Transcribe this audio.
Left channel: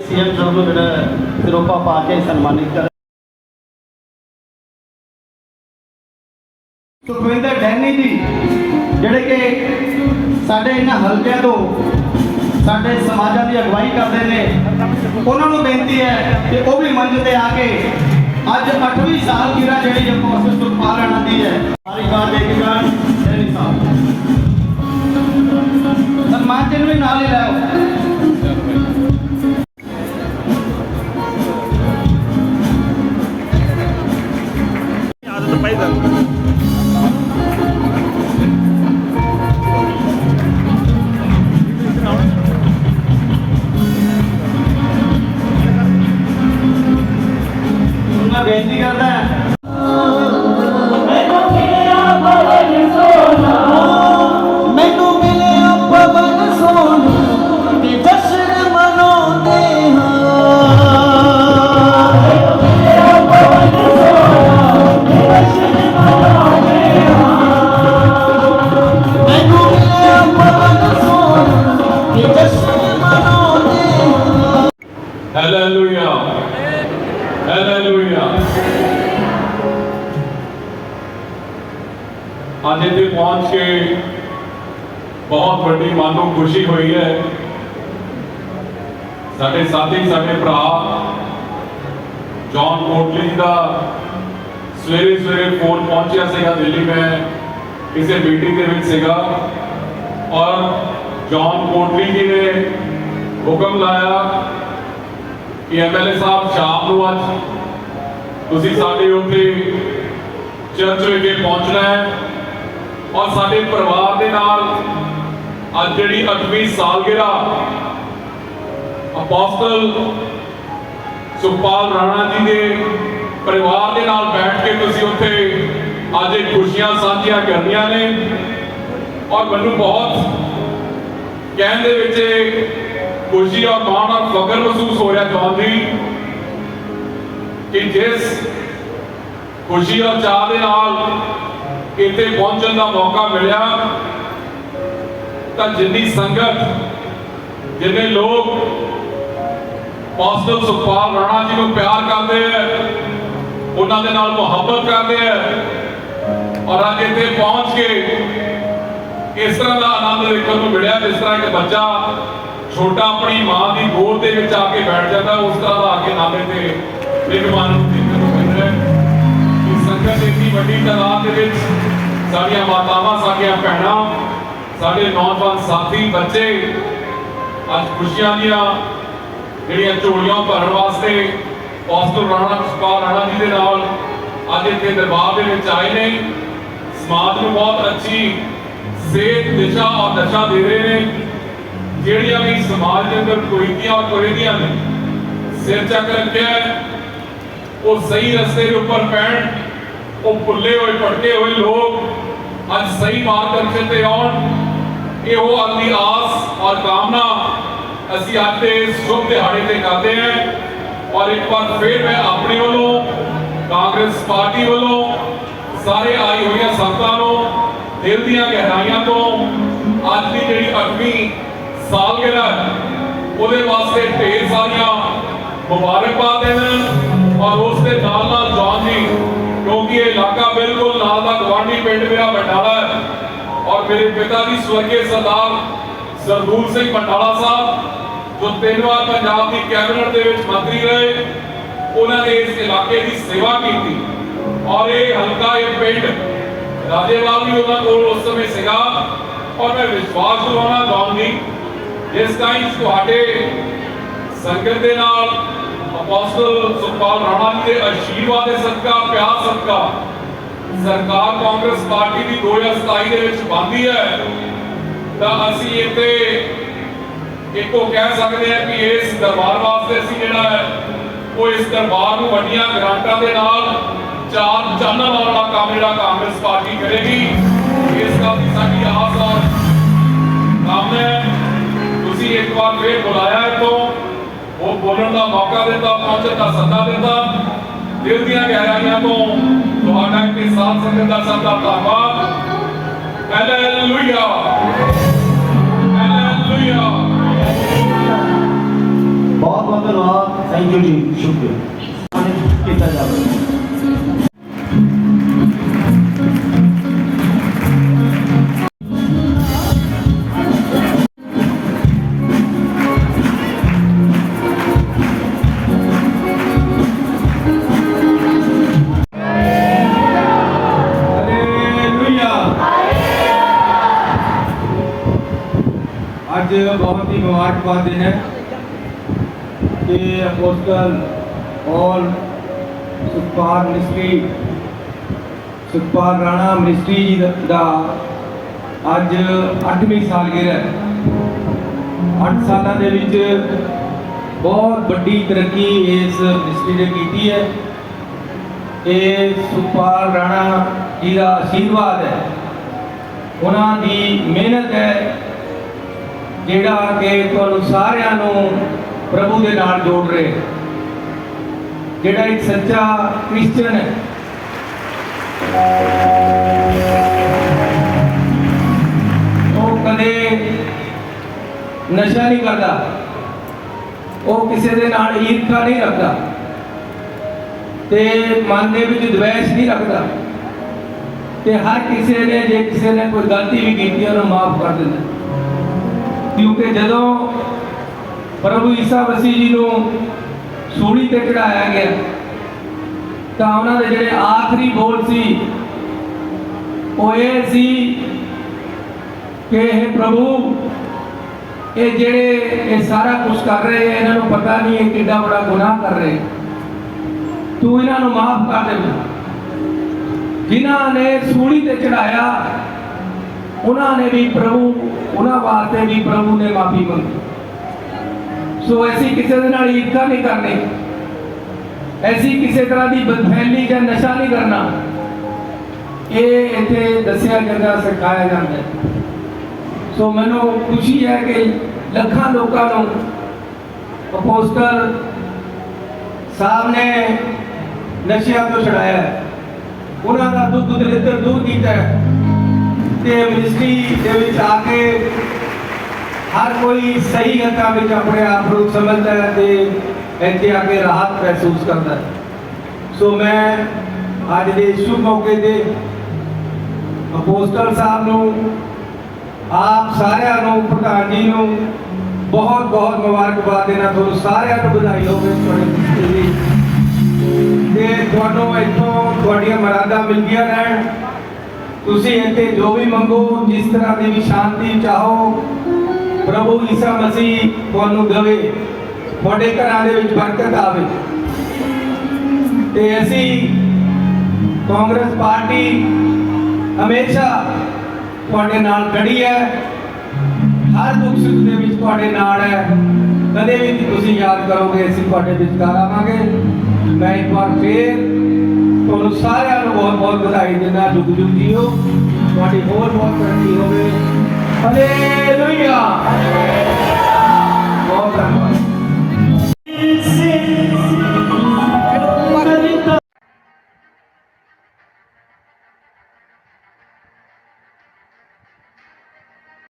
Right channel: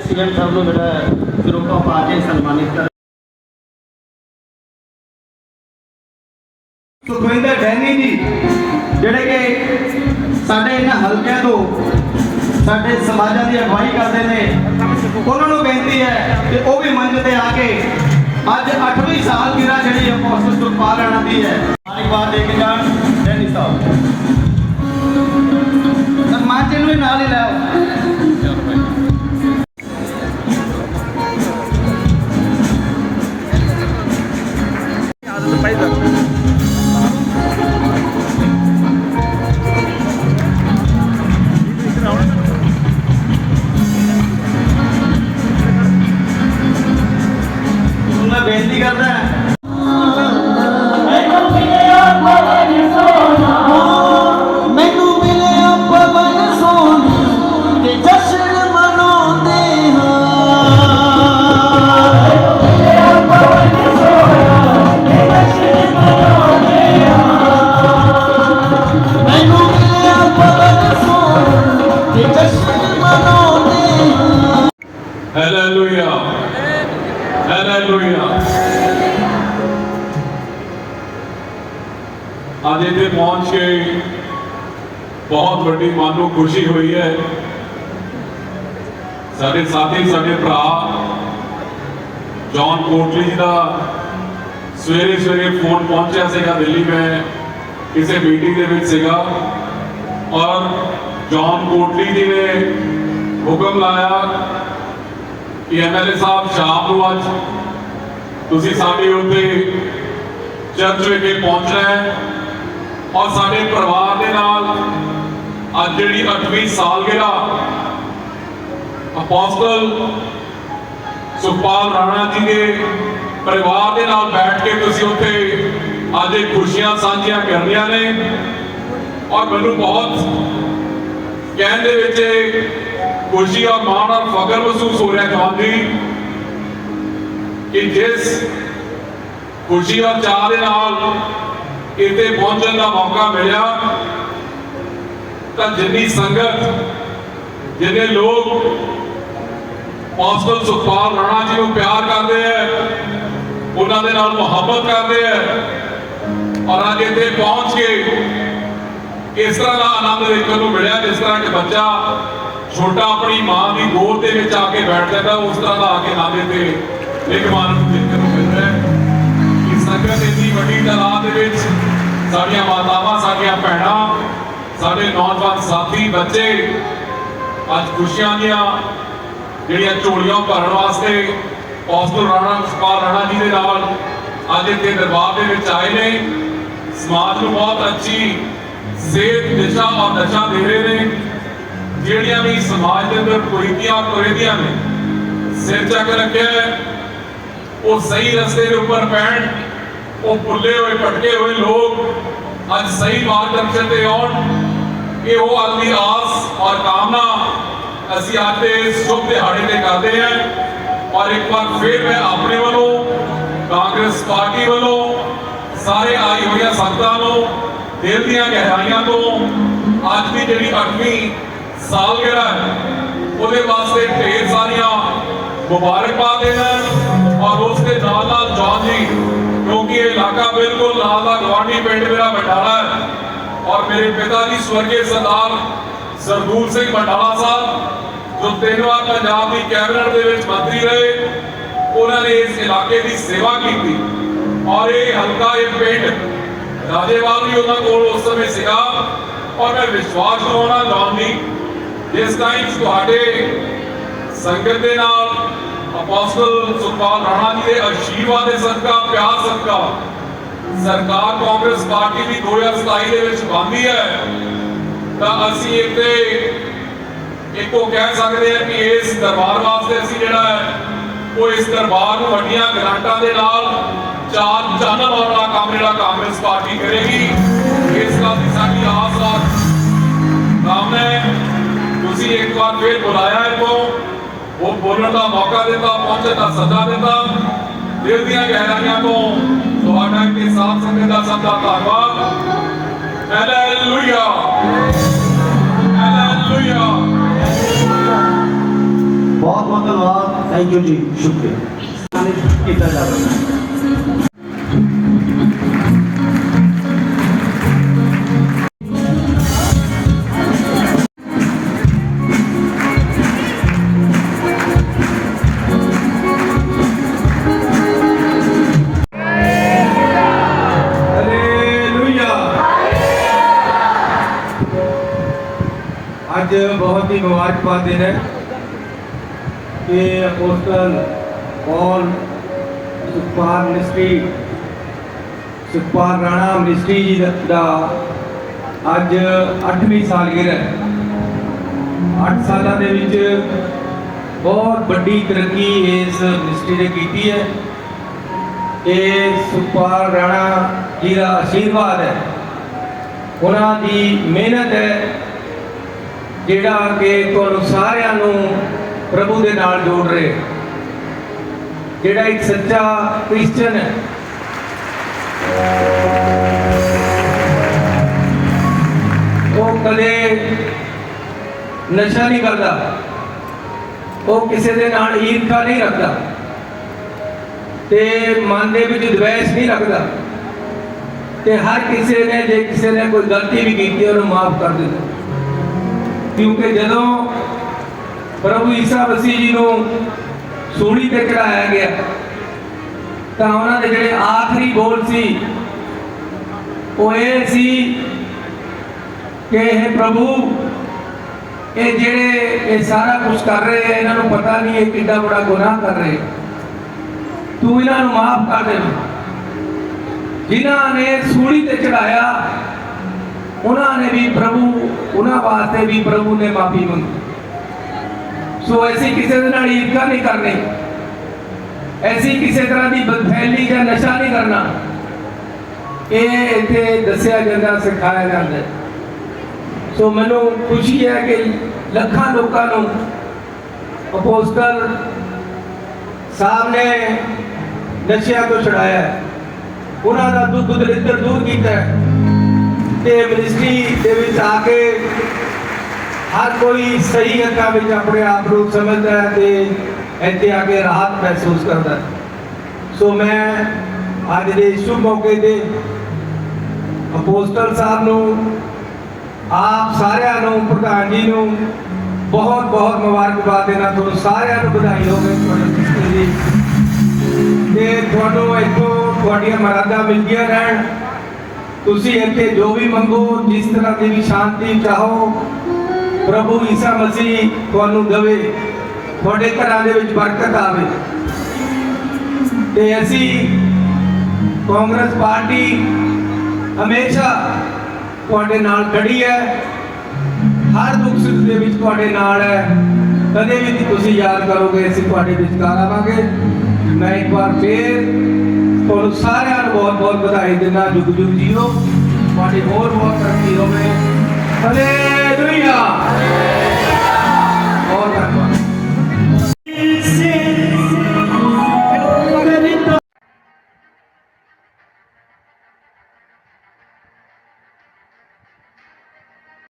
CM ਸਾਹਿਬ ਨੂੰ ਜਿਹੜਾ ਸਿਰੋਪਾ ਪਾ ਕੇ ਸਨਮਾਨਿਤ ਕਰ ਸੁਖਵਿੰਦਰ ਡੈਨੀ ਜੀ, ਜਿਹੜੇ ਕਿ ਸਾਡੇ ਇਹਨਾਂ ਹਲਕਿਆਂ ਤੋਂ ਸਾਡੇ ਸਮਾਜਾਂ ਦੀ ਅਗਵਾਈ ਕਰਦੇ ਨੇ, ਉਹਨਾਂ ਨੂੰ ਬੇਨਤੀ ਹੈ ਕਿ ਉਹ ਵੀ ਮੰਚ ਤੇ ਆ ਕੇ ਅੱਜ 8ਵੀਂ ਸਾਲਗਿਰਾ ਜਿਹੜੀ ਹੈ ਪੋਸਟ ਸੁਖਪਾਲ ਰਾਣਾ ਦੀ ਹੈ। ਮਾਲਿਕਾਨ ਲੈ ਕੇ ਅੱਜ ਇੱਥੇ ਪਹੁੰਚ ਕੇ ਬਹੁਤ ਵੱਡੀ ਮਨ ਨੂੰ ਖੁਸ਼ੀ ਹੋਈ ਹੈ। ਸਾਡੇ ਸਾਥੀ, ਸਾਡੇ ਭਰਾ ਜੌਨ ਕੋਟਲੀ ਜੀ ਦਾ ਸਵੇਰੇ ਸਵੇਰੇ ਫੋਨ ਪਹੁੰਚਿਆ ਸੀਗਾ ਦਿੱਲੀ, ਮੈਂ ਕਿਸੇ ਮੀਟਿੰਗ ਦੇ ਵਿੱਚ ਸੀਗਾ। ਔਰ ਜੌਨ ਕੋਟਲੀ ਜੀ ਨੇ ਹੁਕਮ ਲਾਇਆ ਕਿ ਐਮਐਲਏ ਸਾਹਿਬ ਸ਼ਾਮ ਨੂੰ ਅੱਜ ਤੁਸੀਂ ਸਾਡੇ ਉੱਤੇ ਚਰਚ ਵਿਖੇ ਪਹੁੰਚਣਾ ਹੈ ਔਰ ਸਾਡੇ ਪਰਿਵਾਰ ਦੇ ਨਾਲ ਅੱਜ ਜਿਹੜੀ 8ਵੀਂ ਸਾਲਗਿਰਾ ਅਪੋਸਟਲ ਸੁਖਪਾਲ ਰਾਣਾ ਜੀ ਦੇ ਪਰਿਵਾਰ ਦੇ ਨਾਲ ਬੈਠ ਕੇ ਤੁਸੀਂ ਉੱਥੇ ਅੱਜ ਇਹ ਖੁਸ਼ੀਆਂ ਸਾਂਝੀਆਂ ਕਰਨੀਆਂ ਨੇ ਔਰ ਮੈਨੂੰ ਬਹੁਤ ਕਹਿਣ ਦੇ ਵਿੱਚ ਖੁਸ਼ੀ ਔਰ ਮਾਣ ਔਰ ਫਖਰ ਮਹਿਸੂਸ ਹੋ ਰਿਹਾ ਜਵਾਨ ਕਿ ਜਿਸ ਖੁਸ਼ੀ ਔਰ ਚਾਹ ਦੇ ਨਾਲ ਇੱਥੇ ਪਹੁੰਚਣ ਦਾ ਮੌਕਾ ਮਿਲਿਆ, ਤਾਂ ਜਿੰਨੀ ਸੰਗਤ, ਜਿੰਨੇ ਲੋਕ ਪਾਸਟਰ ਸੁਖਪਾਲ ਰਾਣਾ ਜੀ ਨੂੰ ਪਿਆਰ ਕਰਦੇ ਹੈ ਉਹਨਾਂ ਦੇ ਨਾਲ ਮੁਹੱਬਤ ਕਰਦੇ ਹੈ ਔਰ ਅੱਜ ਇੱਥੇ ਪਹੁੰਚ ਕੇ ਇਸ ਤਰ੍ਹਾਂ ਦਾ ਆਨੰਦ ਦੇਖਣ ਨੂੰ ਮਿਲਿਆ ਜਿਸ ਤਰ੍ਹਾਂ ਇੱਕ ਬੱਚਾ ਛੋਟਾ ਆਪਣੀ ਮਾਂ ਦੀ ਗੋਦ ਦੇ ਵਿੱਚ ਆ ਕੇ ਬੈਠ ਜਾਂਦਾ, ਉਸ ਤਰ੍ਹਾਂ ਦਾ ਆ ਕੇ ਨਾਲੇ ਤੇ ਇੱਕ ਮਨ ਨੂੰ ਦੇਖਣ ਨੂੰ ਮਿਲ ਰਿਹਾ ਹੈ। ਕਿ ਸੰਗਤ ਇੰਨੀ ਵੱਡੀ ਤਾਦਾਦ ਦੇ ਵਿੱਚ ਸਾਡੀਆਂ ਮਾਤਾਵਾਂ, ਸਾਡੀਆਂ ਭੈਣਾਂ, ਸਾਡੇ ਨੌਜਵਾਨ ਸਾਥੀ, ਬੱਚੇ ਅੱਜ ਖੁਸ਼ੀਆਂ ਦੀਆਂ ਜਿਹੜੀਆਂ ਝੋਲੀਆਂ ਭਰਨ ਵਾਸਤੇ ਪੌਸਟਰ ਰਾਣਾ ਸੁਖਪਾਲ ਰਾਣਾ ਜੀ ਦੇ ਨਾਲ ਅੱਜ ਇੱਥੇ ਦਰਬਾਰ ਦੇ ਵਿੱਚ ਆਏ ਨੇ। ਸਮਾਜ ਨੂੰ ਬਹੁਤ ਅੱਛੀ ਸੇਧ ਦਿਸ਼ਾ ਔਰ ਦਸ਼ਾ ਦੇ ਰਹੇ ਨੇ। ਜਿਹੜੀਆਂ ਵੀ ਸਮਾਜ ਦੇ ਅੰਦਰ ਕੁਰੀਤੀਆਂ ਔਰ ਕੁਰੀਤੀਆਂ ਨੇ ਸਿਰ ਚੱਕ ਰੱਖਿਆ ਉਹ ਸਹੀ ਰਸਤੇ ਦੇ ਉੱਪਰ ਪੈਣ ਉਹ ਭੁੱਲੇ ਹੋਏ, ਭਟਕੇ ਹੋਏ ਲੋਕ ਅੱਜ ਸਹੀ ਮਾਰਗਦਰਸ਼ਨ ਤੇ ਆਉਣ। ਇਹ ਉਹ ਅਗਲੀ ਆਸ ਔਰ ਕਾਮਨਾ ਅਸੀਂ ਅੱਜ ਸ਼ੁਭ ਦਿਹਾੜੇ ਤੇ ਕਰਦੇ ਹਾਂ। ਔਰ ਇੱਕ ਵਾਰ ਫੇਰ ਮੈਂ ਆਪਣੇ ਵੱਲੋਂ, ਕਾਂਗਰਸ ਪਾਰਟੀ ਵੱਲੋਂ, ਸਾਰੇ ਆਈ ਹੋਈਆਂ ਸੰਗਤਾਂ ਨੂੰ ਦਿਲ ਦੀਆਂ ਗਹਿਰਾਈਆਂ ਤੋਂ ਅੱਜ ਦੀ ਜਿਹੜੀ 8ਵੀਂ ਸਾਲਗਿਰਾ ਹੈ, ਉਹਦੇ ਵਾਸਤੇ ਢੇਰ ਸਾਰੀਆਂ ਮੁਬਾਰਕਬਾਦ ਦੇਣ ਔਰ ਉਸ ਦੇ ਨਾਲ ਨਾਲ ਜੌਨ ਜੀ, ਕਿਉਂਕਿ ਇਹ ਇਲਾਕਾ ਬਿਲਕੁਲ ਨਾਲ ਦਾ ਗਵਾਂਢੀ ਪਿੰਡ ਮੇਰਾ ਬਟਾਲਾ ਹੈ ਔਰ ਮੇਰੇ ਪਿਤਾ ਜੀ ਸਵਰਗੀ ਸਰਦਾਰ ਸਰਦੂਲ ਸਿੰਘ ਬਟਾਲਾ ਸਾਹਿਬ, ਜੋ ਤਿੰਨ ਵਾਰ ਪੰਜਾਬ ਦੀ ਕੈਬਨਿਟ ਦੇ ਵਿੱਚ ਮੰਤਰੀ ਰਹੇ, ਉਹਨਾਂ ਨੇ ਇਸ ਇਲਾਕੇ ਦੀ ਸੇਵਾ ਕੀਤੀ ਔਰ ਇਹ ਹਲਕਾ, ਇਹ ਪਿੰਡ ਰਾਜੇਵਾਲ ਵੀ ਉਹਨਾਂ ਕੋਲ ਉਸ ਸਮੇਂ ਸੀਗਾ ਔਰ ਮੈਂ ਵਿਸ਼ਵਾਸ ਦਵਾਉਣਾ ਚਾਹੁੰਦੀ ਜਿਸ ਟਾਈਮ ਤੁਹਾਡੇ ਸੰਗਤ ਦੇ ਨਾਲ ਅਪੋਸਟਲ ਸੁਖਪਾਲ ਰਾਣਾ ਜੀ ਦੇ ਆਸ਼ੀਰਵਾਦ ਦੇ ਸਦਕਾ, ਪਿਆਰ ਸਦਕਾ, ਸਰਕਾਰ ਕਾਂਗਰਸ ਪਾਰਟੀ ਦੀ 2027 ਦੇ ਵਿੱਚ ਬਣਦੀ ਹੈ, ਤਾਂ ਅਸੀਂ ਇੱਥੇ ਇੱਕੋ ਕਹਿ ਸਕਦੇ ਹਾਂ ਕਿ ਇਸ ਦਰਬਾਰ ਵਾਸਤੇ ਅਸੀਂ ਜਿਹੜਾ ਹੈ, ਉਹ ਇਸ ਦਰਬਾਰ ਨੂੰ ਵੱਡੀਆਂ ਗ੍ਰਾਂਟਾਂ ਦੇ ਨਾਲ ਚਾਰ ਚਾਨਣ ਵਾਲਾ ਕੰਮ ਜਿਹੜਾ ਕਾਂਗਰਸ ਪਾਰਟੀ ਕਰੇਗੀ ਇਸ ਗੱਲ ਦੀ ਸਾਡੀ ਆਸ ਔਰ ਕਾਮਨਾ ਹੈ ਤੁਸੀਂ ਇੱਕ ਵਾਰ ਫੇਰ ਬੁਲਾਇਆ ਹੈ ਤੋਂ ਉਹ ਬੋਲਣ ਦਾ ਮੌਕਾ ਦਿੱਤਾ ਪਹੁੰਚਣ ਦਾ ਸੱਦਾ ਦਿੱਤਾ ਦਿਲ ਦੀਆਂ ਗਹਿਰਾਈਆਂ ਤੋਂ ਤੁਹਾਡਾ ਤੇ ਸਾਥ ਸੰਗਤ ਦਾ ਸਭ ਦਾ ਧੰਨਵਾਦ ਹਾਲੇਲੂਇਆ ਹਾਲੇਲੂਇਆ ਬਹੁਤ ਬਹੁਤ ਧੰਨਵਾਦ ਥੈਂਕ ਯੂ ਜੀ ਸ਼ੁਕਰੀਆ ਅੱਜ ਬਹੁਤ ਹੀ ਮੁਬਾਰਕਬਾਦ ਦਿਨ ਹੈ ਕਿ ਅਪੋਸਟਲ ਔਰ ਮਿਨਿਸਟਰੀ ਸੁਪਾਰ ਰਾਣਾ ਮਿਨਿਸਟਰੀ ਜੀ ਦਾ- ਅੱਜ 8ਵੀਂ ਸਾਲਗਿਰਾ ਹੈ। 8 ਸਾਲਾਂ ਦੇ ਵਿੱਚ ਬਹੁਤ ਵੱਡੀ ਤਰੱਕੀ ਇਸ ਮਿਨਿਸਟਰੀ ਨੇ ਕੀਤੀ ਹੈ। ਇਹ ਸੁਖਪਾਲ ਰਾਣਾ ਜੀ ਦਾ ਆਸ਼ੀਰਵਾਦ ਹੈ। ਉਹਨਾਂ ਦੀ ਮਿਹਨਤ ਹੈ। ਜਿਹੜਾ ਕਿ ਤੁਹਾਨੂੰ ਸਾਰਿਆਂ ਨੂੰ ਪ੍ਰਭੂ ਦੇ ਨਾਲ ਜੋੜ ਰਿਹਾ। ਜਿਹੜਾ ਇੱਕ ਸੱਚਾ ਕ੍ਰਿਸਚੀਅਨ ਹੈ। ਉਹ ਕਦੇ ਨਸ਼ਾ ਨਹੀਂ ਕਰਦਾ। ਉਹ ਕਿਸੇ ਦੇ ਨਾਲ ਈਰਖਾ ਨਹੀਂ ਰੱਖਦਾ। ਤੇ ਮਨ ਦੇ ਵਿੱਚ ਦਵੈਸ਼ ਨਹੀਂ ਰੱਖਦਾ। ਤੇ ਹਰ ਕਿਸੇ ਨੇ ਜੇ ਕਿਸੇ ਨੇ ਕੋਈ ਗਲਤੀ ਵੀ ਕੀਤੀ, ਉਹਨੂੰ ਮਾਫ ਕਰ ਦਿੰਦਾ। ਕਿਉਂਕਿ ਜਦੋਂ ਪ੍ਰਭੂ ਈਸਾ ਮਸੀਹ ਜੀ ਨੂੰ ਸੂਲੀ ਤੇ ਚੜਾਇਆ ਗਿਆ, ਤਾਂ ਉਹਨਾਂ ਦੇ ਜਿਹੜੇ ਆਖਰੀ ਬੋਲ ਸੀ, ਉਹ ਇਹ ਸੀ ਕਿ ਇਹ ਪ੍ਰਭੂ, ਇਹ ਜਿਹੜੇ ਇਹ ਸਾਰਾ ਕੁਝ ਕਰ ਰਹੇ ਆ, ਇਹਨਾਂ ਨੂੰ ਪਤਾ ਨਹੀਂ ਇਹ ਕਿੰਨਾ ਬੜਾ ਗੁਨਾਹ ਕਰ ਰਹੇ ਤੂੰ ਇਹਨਾਂ ਨੂੰ ਮਾਫ ਕਰ ਦੇ ਜਿਨ੍ਹਾਂ ਨੇ ਸੂਲੀ ਤੇ ਚੜਾਇਆ ਉਹਨਾਂ ਨੇ ਵੀ ਪ੍ਰਭੂ, ਉਹਨਾਂ ਵਾਸਤੇ ਵੀ ਪ੍ਰਭੂ ਨੇ ਮਾਫੀ ਮੰਗੀ। ਸੋ ਐਸੀ ਕਿਸੇ ਦੇ ਨਾਲ ਈਰਖਾ ਨਹੀਂ ਕਰਨੀ। ਐਸੀ ਕਿਸੇ ਤਰ੍ਹਾਂ ਦੀ ਬਦਫੈਲੀ ਜਾਂ ਨਸ਼ਾ ਨਹੀਂ ਕਰਨਾ। ਇਹ ਇੱਥੇ ਦੱਸਿਆ ਜਾਂਦਾ, ਸਿਖਾਇਆ ਜਾਂਦਾ ਸੋ ਮੈਨੂੰ ਖੁਸ਼ੀ ਹੈ ਕਿ ਲੱਖਾਂ ਲੋਕਾਂ ਨੂੰ ਅਪੋਸਟਲ ਸਾਹਿਬ ਨੇ ਨਸ਼ਿਆਂ ਤੋਂ ਛੁਡਾਇਆ ਉਹਨਾਂ ਦਾ ਦੁੱਖ ਦਲਿੱਦਰ ਦੂਰ ਕੀਤਾ ਤੇ ਮਿਨਿਸਟਰੀ ਦੇ ਵਿੱਚ ਆ ਕੇ ਹਰ ਕੋਈ ਸਹੀ ਹੱਕਾਂ ਵਿੱਚ ਆਪਣੇ ਆਪ ਨੂੰ ਸਮਝਦਾ ਹੈ ਤੇ ਇੱਥੇ ਆ ਕੇ ਰਾਹਤ ਮਹਿਸੂਸ ਕਰਦਾ ਹੈ। ਸੋ ਮੈਂ ਅੱਜ ਦੇ ਸ਼ੁਭ ਮੌਕੇ ਤੇ ਅਪੋਸਟਲ ਸਾਹਿਬ ਨੂੰ, ਆਪ ਸਾਰਿਆਂ ਨੂੰ, ਪ੍ਰਧਾਨ ਜੀ ਨੂੰ ਬਹੁਤ ਬਹੁਤ ਮੁਬਾਰਕਬਾਦ ਦੇਣਾ, ਤੁਹਾਨੂੰ ਸਾਰਿਆਂ ਨੂੰ ਵਧਾਈ ਹੋਵੇ ਤੁਹਾਡੇ ਮਿਸਟਰ ਦੀ। ਤੇ ਤੁਹਾਨੂੰ ਇੱਥੋਂ ਤੁਹਾਡੀਆਂ ਮਰਾਦਾ ਮਿਲਦੀਆਂ ਰਹਿਣ। ਤੁਸੀਂ ਇੱਥੇ ਜੋ ਵੀ ਮੰਗੋ, ਜਿਸ ਤਰ੍ਹਾਂ ਦੀ ਵੀ ਸ਼ਾਂਤੀ ਚਾਹੋ, ਪ੍ਰਭੂ ਈਸਾ ਮਸੀਹ ਤੁਹਾਨੂੰ ਦੇਵੇ। ਤੁਹਾਡੇ ਘਰਾਂ ਦੇ ਵਿੱਚ ਬਰਕਤ ਆਵੇ। ਤੇ ਅਸੀਂ ਕਾਂਗਰਸ ਪਾਰਟੀ ਹਮੇਸ਼ਾ ਤੁਹਾਡੇ ਨਾਲ ਖੜੀ ਹੈ। ਹਰ ਦੁੱਖ ਸੁੱਖ ਦੇ ਵਿੱਚ ਤੁਹਾਡੇ ਨਾਲ ਹੈ। ਕਦੇ ਵੀ ਨਹੀਂ ਤੁਸੀਂ ਯਾਦ ਕਰੋਗੇ, ਅਸੀਂ ਤੁਹਾਡੇ ਵਿਚਕਾਰ ਆਵਾਂਗੇ। ਮੈਂ ਇੱਕ ਵਾਰ ਫੇਰ ਤੁਹਾਨੂੰ ਸਾਰਿਆਂ ਨੂੰ ਬਹੁਤ ਬਹੁਤ ਵਧਾਈ ਦਿੰਦਾ ਜੁਗ ਜੁਗ ਹੋ। ਤੁਹਾਡੀ ਹੋਰ ਬਹੁਤ ਤਰੱਕੀ ਹੋਵੇ। ਹalleluya। ਬਹੁਤ